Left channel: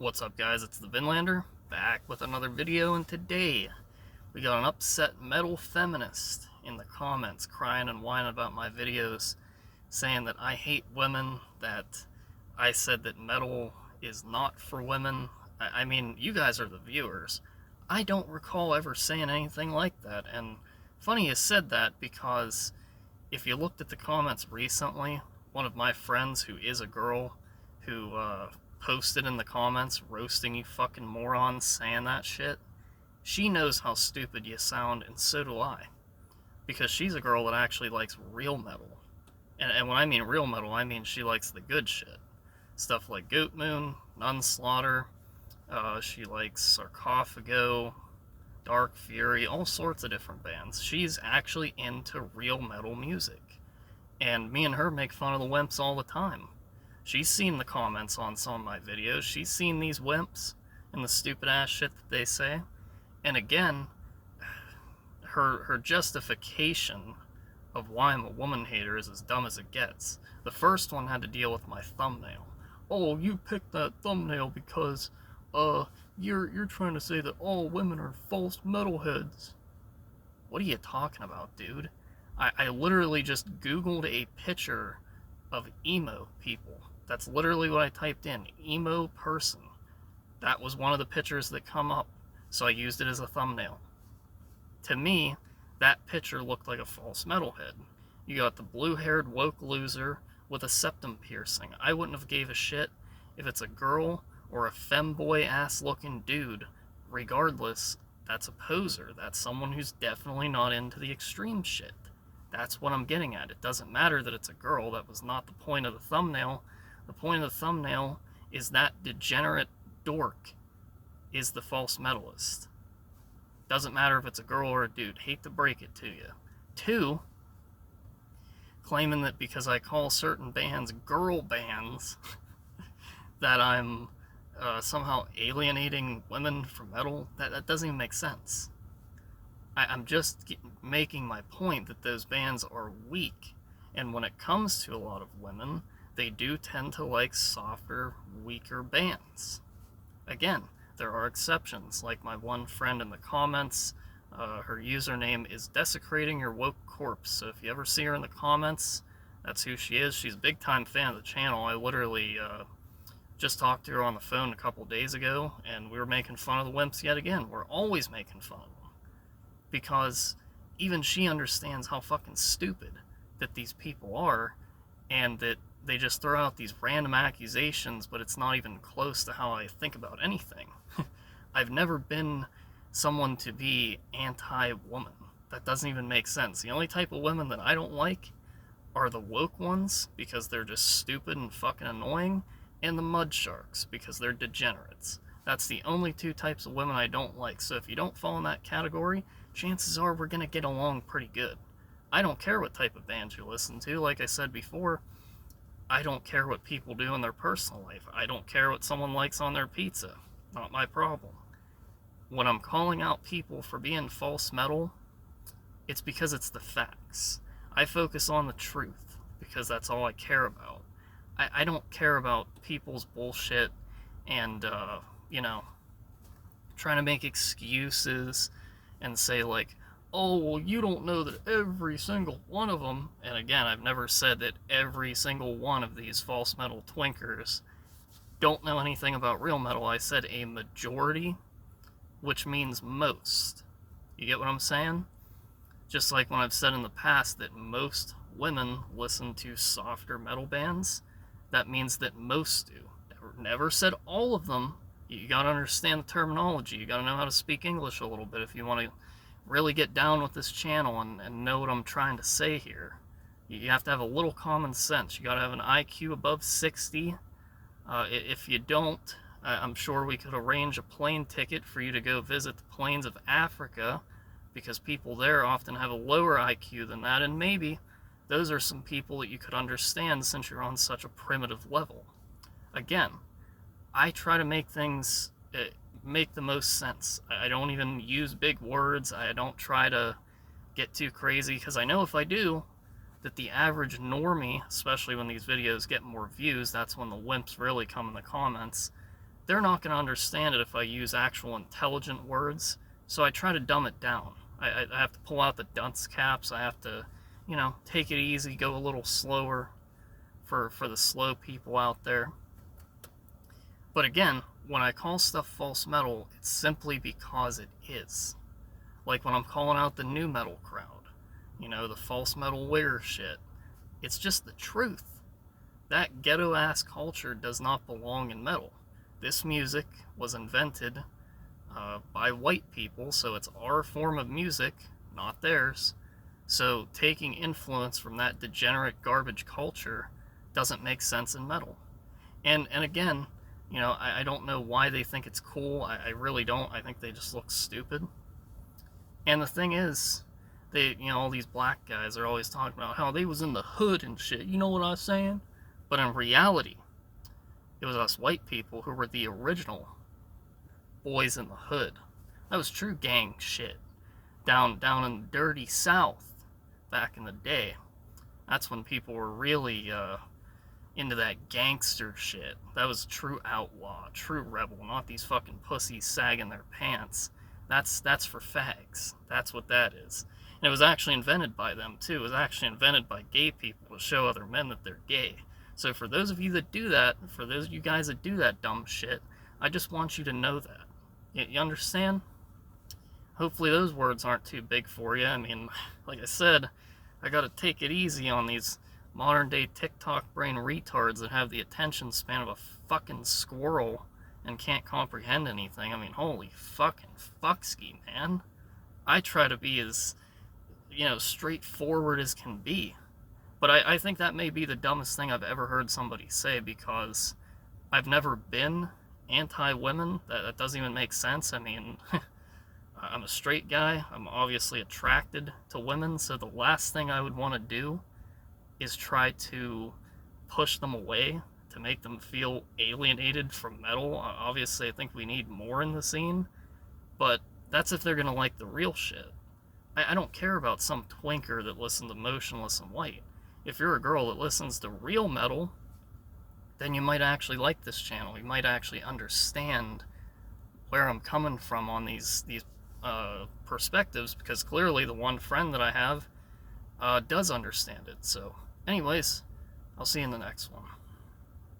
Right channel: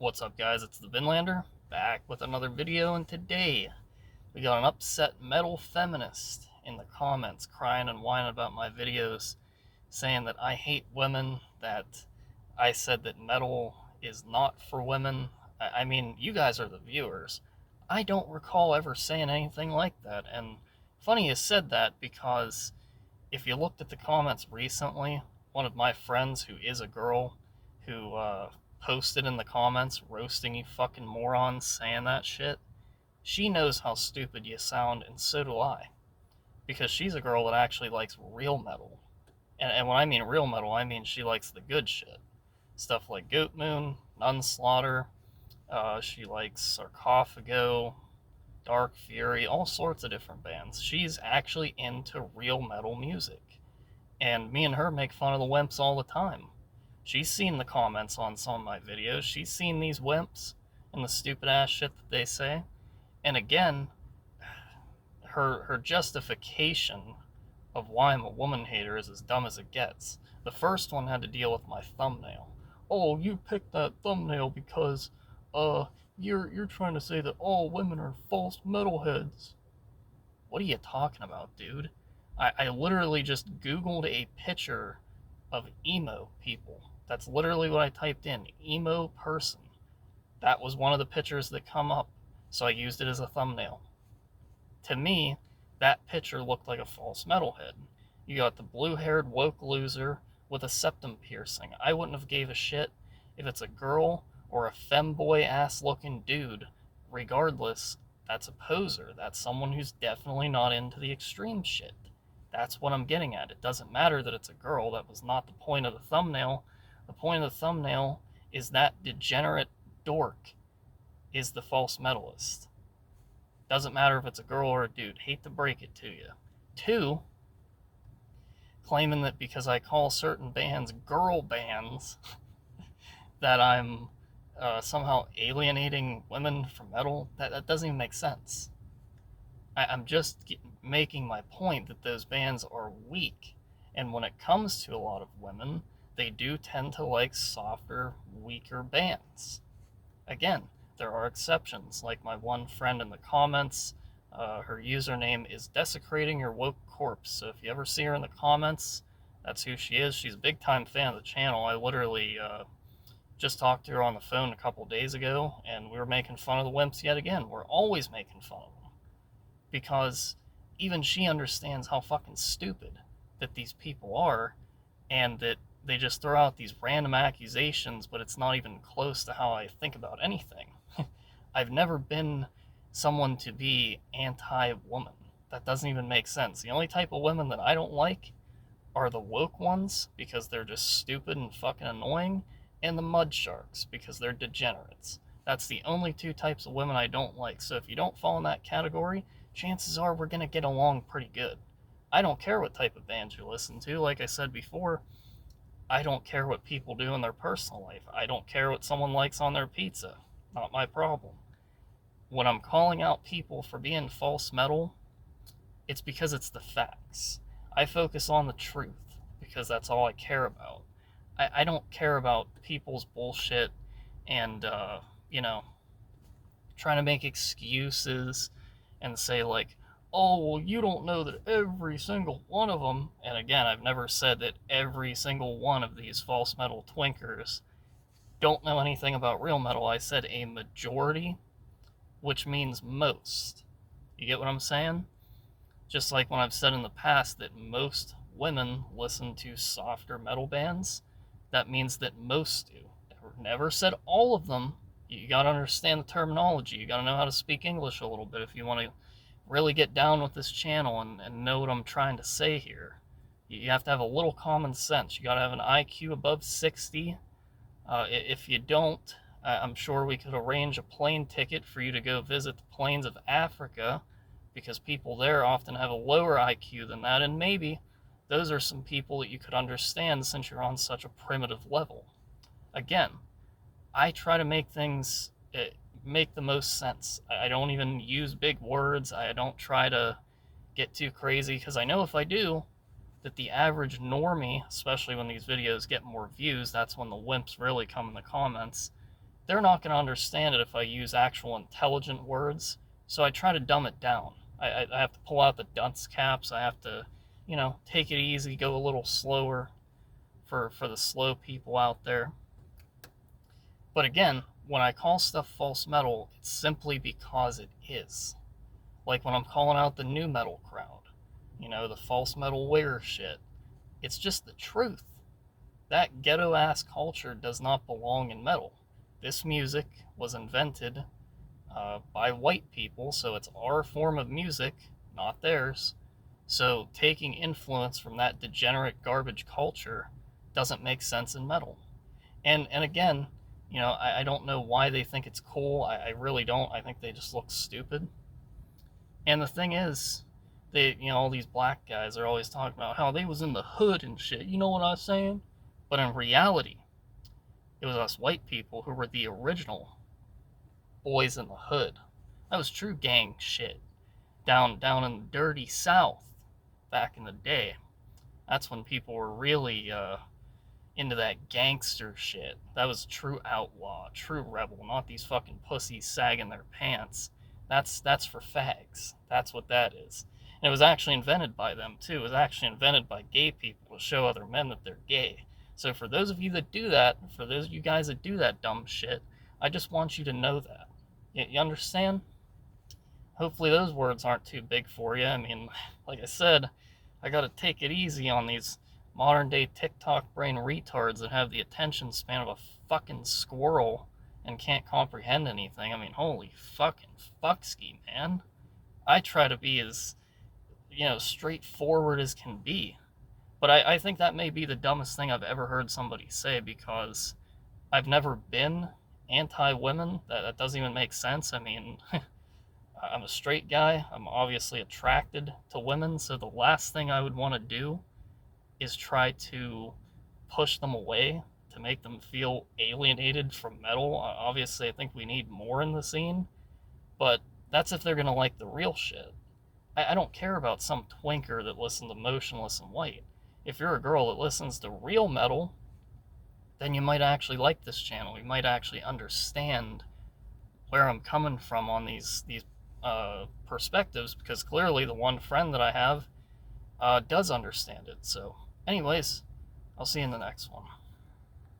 What's up, guys? It's the Vinlander, back with another video, and today we got an upset metal feminist in the comments crying and whining about my videos, saying that I hate women, that I said that metal is not for women. I mean, you guys are the viewers. I don't recall ever saying anything like that, and funny you said that because if you looked at the comments recently, one of my friends who is a girl who posted in the comments roasting you fucking morons saying that shit, she knows how stupid you sound, and so do I. Because she's a girl that actually likes real metal. And when I mean real metal, I mean she likes the good shit. Stuff like Goat Moon, Nunslaughter, she likes Sarcophago, Dark Fury, all sorts of different bands. She's actually into real metal music. And me and her make fun of the wimps all the time. She's seen the comments on some of my videos. She's seen these wimps and the stupid ass shit that they say. And again, her justification of why I'm a woman hater is as dumb as it gets. The first one had to deal with my thumbnail. Oh, you picked that thumbnail because you're trying to say that all women are false metalheads. What are you talking about, dude? I literally just Googled a picture of emo people. That's literally what I typed in, emo person. That was one of the pictures that come up, so I used it as a thumbnail. To me, that picture looked like a false metalhead. You got the blue-haired woke loser with a septum piercing. I wouldn't have gave a shit if it's a girl or a femboy ass looking dude. Regardless, that's a poser. That's someone who's definitely not into the extreme shit. That's what I'm getting at. It doesn't matter that it's a girl. That was not the point of the thumbnail. The point of the thumbnail is that degenerate dork is the false metalist. Doesn't matter if it's a girl or a dude. Hate to break it to you. Two, claiming that because I call certain bands girl bands, that I'm somehow alienating women from metal. That doesn't even make sense. I'm just making my point that those bands are weak. And when it comes to a lot of women, they do tend to like softer, weaker bands. Again, there are exceptions, like my one friend in the comments. Her username is Desecrating Your Woke Corpse. So if you ever see her in the comments, that's who she is. She's a big time fan of the channel. I literally just talked to her on the phone a couple days ago, and we were making fun of the wimps yet again. We're always making fun of them because even she understands how fucking stupid that these people are, and that they just throw out these random accusations, but it's not even close to how I think about anything. I've never been someone to be anti-woman. That doesn't even make sense. The only type of women that I don't like are the woke ones, because they're just stupid and fucking annoying, and the mud sharks, because they're degenerates. That's the only two types of women I don't like. So if you don't fall in that category, chances are we're going to get along pretty good. I don't care what type of bands you listen to. Like I said before, I don't care what people do in their personal life. I don't care what someone likes on their pizza. Not my problem. When I'm calling out people for being false metal, it's because it's the facts. I focus on the truth because that's all I care about. I don't care about people's bullshit and, you know, trying to make excuses and say, like, oh, well, you don't know that every single one of them, and again, I've never said that every single one of these false metal twinkers don't know anything about real metal. I said a majority, which means most. You get what I'm saying? Just like when I've said in the past that most women listen to softer metal bands, that means that most do. Never said all of them. You gotta understand the terminology. You gotta know how to speak English a little bit if you want to really get down with this channel and know what I'm trying to say here. You have to have a little common sense. You gotta have an IQ above 60. If you don't, I'm sure we could arrange a plane ticket for you to go visit the plains of Africa, because people there often have a lower IQ than that, and maybe those are some people that you could understand since you're on such a primitive level. Again, I try to make things make the most sense. I don't even use big words. I don't try to get too crazy, because I know if I do, that the average normie, especially when these videos get more views, that's when the wimps really come in the comments, they're not going to understand it if I use actual intelligent words, so I try to dumb it down. I have to pull out the dunce caps. I have to, take it easy, go a little slower for the slow people out there. But again, when I call stuff false metal, it's simply because it is. Like when I'm calling out the new metal crowd, the false metal wearer shit. It's just the truth. That ghetto ass culture does not belong in metal. This music was invented by white people, so it's our form of music, not theirs. So taking influence from that degenerate garbage culture doesn't make sense in metal. And again, I don't know why they think it's cool. I really don't. I think they just look stupid. And the thing is, all these black guys are always talking about how they was in the hood and shit. You know what I'm saying? But in reality, it was us white people who were the original boys in the hood. That was true gang shit. Down in the dirty South back in the day. That's when people were really into that gangster shit. That was true outlaw, true rebel, not these fucking pussies sagging their pants. That's for fags. That's what that is. And it was actually invented by them too. It was actually invented by gay people to show other men that they're gay. So for those of you that do that, for those of you guys that do that dumb shit, I just want you to know that. You understand? Hopefully those words aren't too big for you. I mean, like I said, I gotta take it easy on these modern day TikTok brain retards that have the attention span of a fucking squirrel and can't comprehend anything. I mean, holy fucking fuckski, man. I try to be as, straightforward as can be. But I think that may be the dumbest thing I've ever heard somebody say, because I've never been anti-women. That doesn't even make sense. I mean, I'm a straight guy. I'm obviously attracted to women, so the last thing I would want to do is try to push them away, to make them feel alienated from metal. Obviously, I think we need more in the scene, but that's if they're going to like the real shit. I don't care about some twinker that listens to Motionless in White. If you're a girl that listens to real metal, then you might actually like this channel. You might actually understand where I'm coming from on these perspectives, because clearly the one friend that I have does understand it. So anyways, I'll see you in the next one.